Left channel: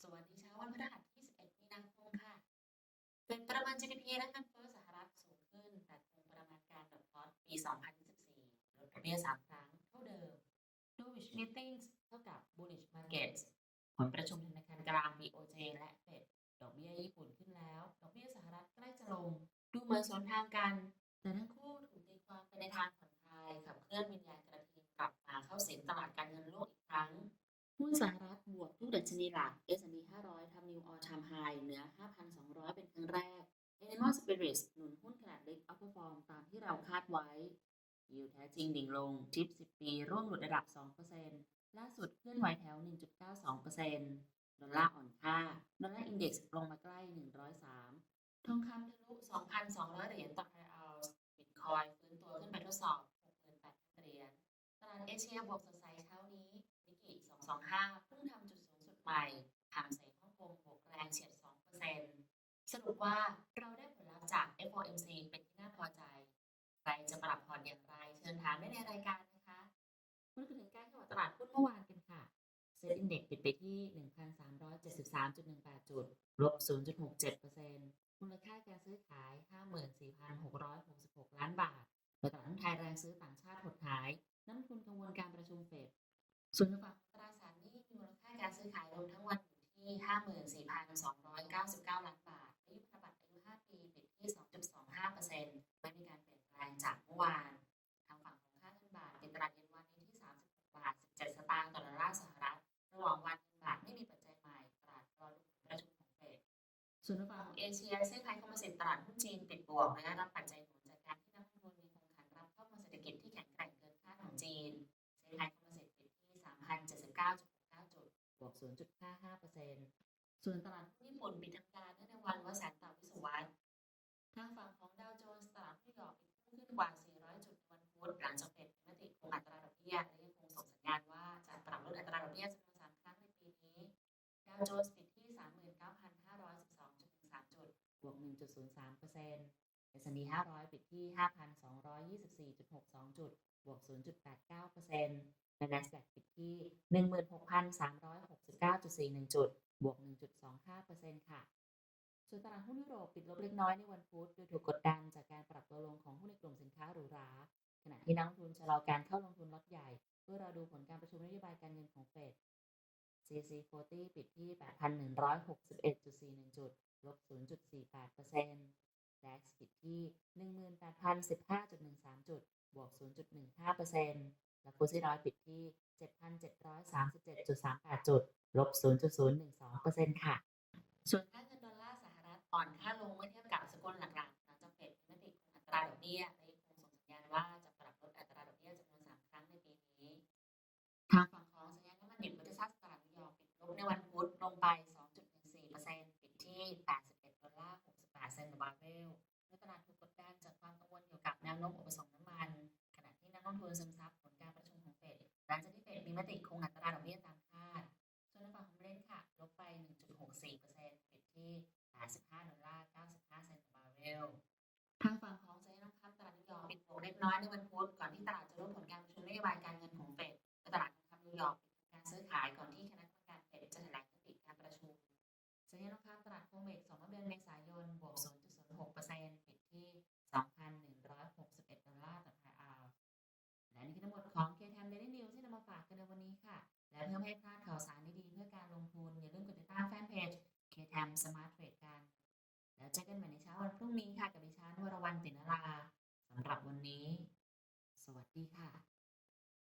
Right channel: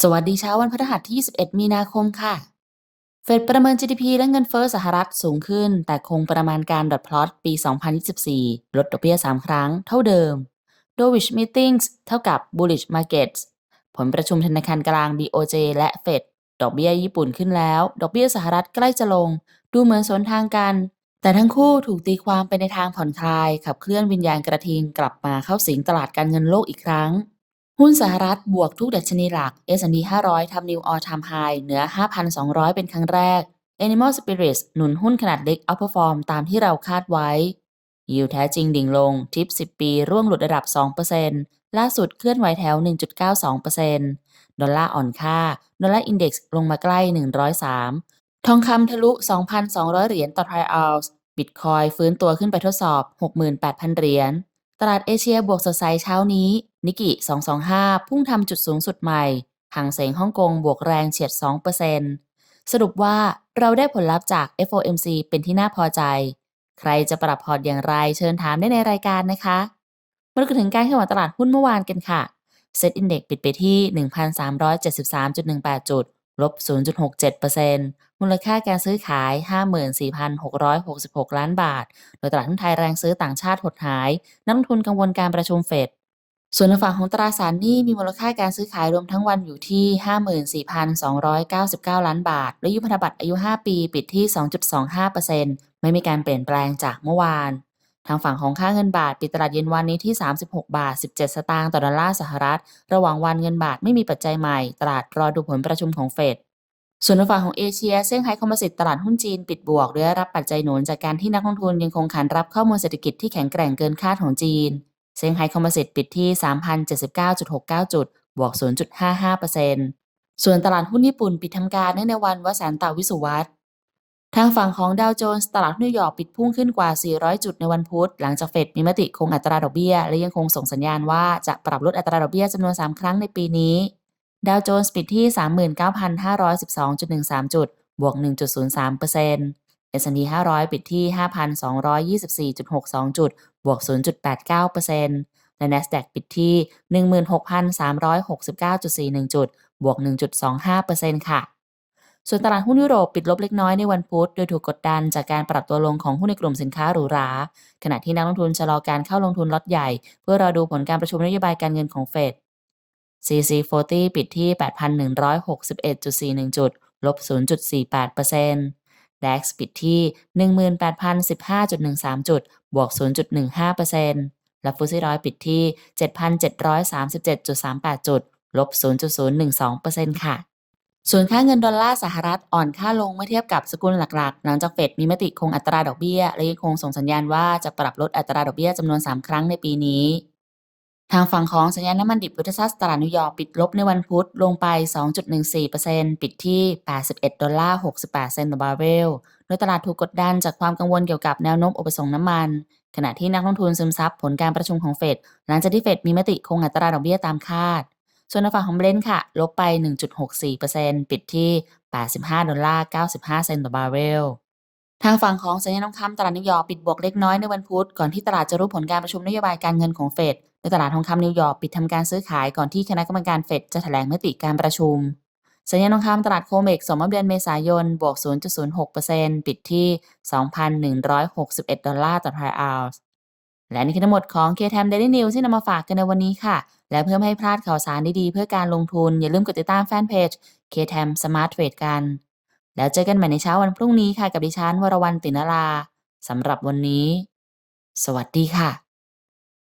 สวัสดีเช้าวันพฤหัสที่ 21 มีนาคมค่ะ เฟดประเมิน GDP และเงินเฟ้อสหรัฐสูงขึ้น แต่คงประมาณการดอทพลอตปี 2024 ลดดอกเบี้ย 3 ครั้ง เท่าเดิม Dovish Meetings เท่ากับ Bullish Markets ผลประชุมธนาคารกลาง BOJ และเฟดดอกเบี้ยญี่ปุ่นขึ้นแล้ว ดอกเบี้ยสหรัฐใกล้จะลง ดูเหมือนสวนทางกัน แต่ทั้งคู่ถูกตีความไปในทางผ่อนคลาย ขับเคลื่อนวิญญาณกระทิงกลับมาเข้าสิงตลาดการเงินโลกอีกครั้ง หุ้นสหรัฐบวกทุกดัชนีหลัก S&P 500 ทำนิวออ l ท i มไฮเหนือ 5,200 เป็นครั้งแรก Animal Spirits หนุนหุ้นขนาดเล็ก outperform ตามที่เราคาดไว้ ยิวแท้จริงดิ่งลง ทิป 10 ปี ร่วงหลุดระดับ 2%ล่าสุดเคลื่อนไหวแถว 1.92%ดอลลาร์อ่อนค่า ดอลลาร์อินเด็กซ์ลงมาใกล้ 103 ทองคำทะลุ 2,200 เหรียญต่อทรัลออนซ์บิตคอยฟื้นตัวขึ้นไปทดสอบ 68,000 เหรียญ ตลาดเอเชียบวกสดใสเช้านี้ นิกกิ 225 พุ่งทำจุดสูงสุดใหม่ห่างเสงฮ่องกงบวกแรงเฉียด 2%สรุปว่าเราได้ผลลัพธ์จาก FOMC เป็นที่น่าพอใจ ใครจะปรับพอร์ตอย่างไรเชิญถามได้ในรายการนะคะมาดูกันถึงการแข่งขันตลาดหุ้นเมื่อวานกันค่ะเซ็ตอินเด็กปิดไปที่ 1,373.18 จุด ลบ 0.67%มูลค่าการซื้อขาย 54,666 ล้านบาท โดยตลาดหุ้นไทยแรงซื้อต่างชาติหดหาย นักลงทุนกังวลการประชุมเฟด ส่วนในฝั่งของตราสารหนี้มีมูลค่าการซื้อขายรวมทั้งวันอยู่ที่ 54,299 ล้านบาท และยุพันธบัตรอายุ 5 ปี ปิดที่ 2.25%ไม่มีการเปลี่ยนแปลงจากเมื่อวาน ทางฝั่งของค่าเงินบาท ปิดตลาดเย็นวันนี้ที่ 36 บาท 17 สตางค์ต่อดอลลาร์สหรัฐ ระหว่างวันเงินบาทไม่มีปัจจัยใหม่ ตลาดรอดูผลประชุมของเฟด ส่วนฝั่งของเอเชียเซี่ยงไฮ้คอมโพสิตตลาดหุ้นจีนปิดบวกด้วยรับปัจจัยหนุนจากการที่นักลงทุนยังคงขานรับข้อมูลเศรษฐกิจที่แข็งแกร่งเกินคาดของจีน เซี่ยงไฮ้คอมโพสิตปิดที่ 3,079.69 จุด บวก 0.55%ส่วนตลาดหุ้นญี่ปุ่นปิดทำการเนื่องในวันวสันตวิสุวัต ทางฝั่งของดาวโจนส์ตลาดนิวยอร์กปิดพุ่งขึ้นกว่า 400 จุดในวันพุธ หลังจากเฟดมีมติคงอัตราดอกเบี้ย และยังคงส่งสัญญาณว่าจะปรับลดอัตราดอกเบี้ยจำนวน 3 ครั้งในปีนี้ ดาวโจนส์ปิดที่ 39,512.13 จุด บวก 1.03% S&P 500 ปิดที่ 5,224.62 จุด บวก 0.89%และ NASDAQ ปิดที่ 16,369.41 จุด บวก 1.25%ค่ะ ส่วนตลาดหุ้นยุโรปปิดลบเล็กน้อยในวันพุธโดยถูกกดดันจากการปรับตัวลงของหุ้นในกลุ่มสินค้าหรูหรา ขณะที่นักลงทุนชะลอการเข้าลงทุนล็อตใหญ่ เพื่อรอดูผลการประชุมนโยบายการเงินของเฟด CC40 ปิดที่ 8,161.41 จุด ลบ 0.48% DAX ปิดที่ 18,015.13 จุด บวก 0.15%และฟุตซี่ร้อยปิดที่ 7,737.38 จุด ลบ 0.012%ค่ะ ส่วนค่าเงินดอลลาร์สหรัฐอ่อนค่าลงเมื่อเทียบกับสกุลหลักๆ หลังจากเฟดมีมติคงอัตราดอกเบี้ย และยังคงส่งสัญญาณว่าจะปรับลดอัตราดอกเบี้ยจำนวน 3 ครั้งในปีนี้ ทางฝั่งของสัญญาณน้ำมันดิบยุทธศาสตร์ตลาดนิวยอร์กปิดลบในวันพุธลงไป 2.14%ปิดที่ 81 ดอลลาร์ 68 เซนต์ต่อบาร์เรล โดยตลาดถูกกดดันจากความกังวลเกี่ยวกับแนวโน้มอุปสงค์น้ำมัน ขณะที่นักลงทุนซึมซับผลการประชุมของเฟดหลังจากที่เฟดมีมติคงอัตราดอกเบี้ยตามคาด ส่วนในฝั่งของเบรนท์ค่ะ ลบไป 1.64%ปิดที่ 85 ดอลลาร์ 95 เซนต์ต่อบาร์เรลทางฝั่งของสัญญาณทองคำตลาดนิวยอร์กปิดบวกเล็กน้อยในวันพุธก่อนที่ตลาดจะรู้ผลการประชุมนโยบายการเงินของเฟดโดยตลาดทองคำนิวยอร์กปิดทำการซื้อขายก่อนที่คณะกรรมการเฟดจะแถลงมติการประชุม สัญญาณทองคำตลาดโคเมกสมมติเดือนเมษายนบวก 0.06%ปิดที่ 2,161 ดอลลาร์ต่อทรัลล์ และนี่คือทั้งหมดของ KTM Daily News ที่นำมาฝากกันในวันนี้ค่ะ และเพื่อไม่ให้พลาดข่าวสารดีๆ เพื่อการลงทุน อย่าลืมกดติดตามแฟนเพจ KTM Smart Trade กัน แล้วเจอกันใหม่ในเช้าวันพรุ่งนี้ค่ะกับดิฉันวรวรรณตินราสำหรับวันนี้ สวัสดีค่ะ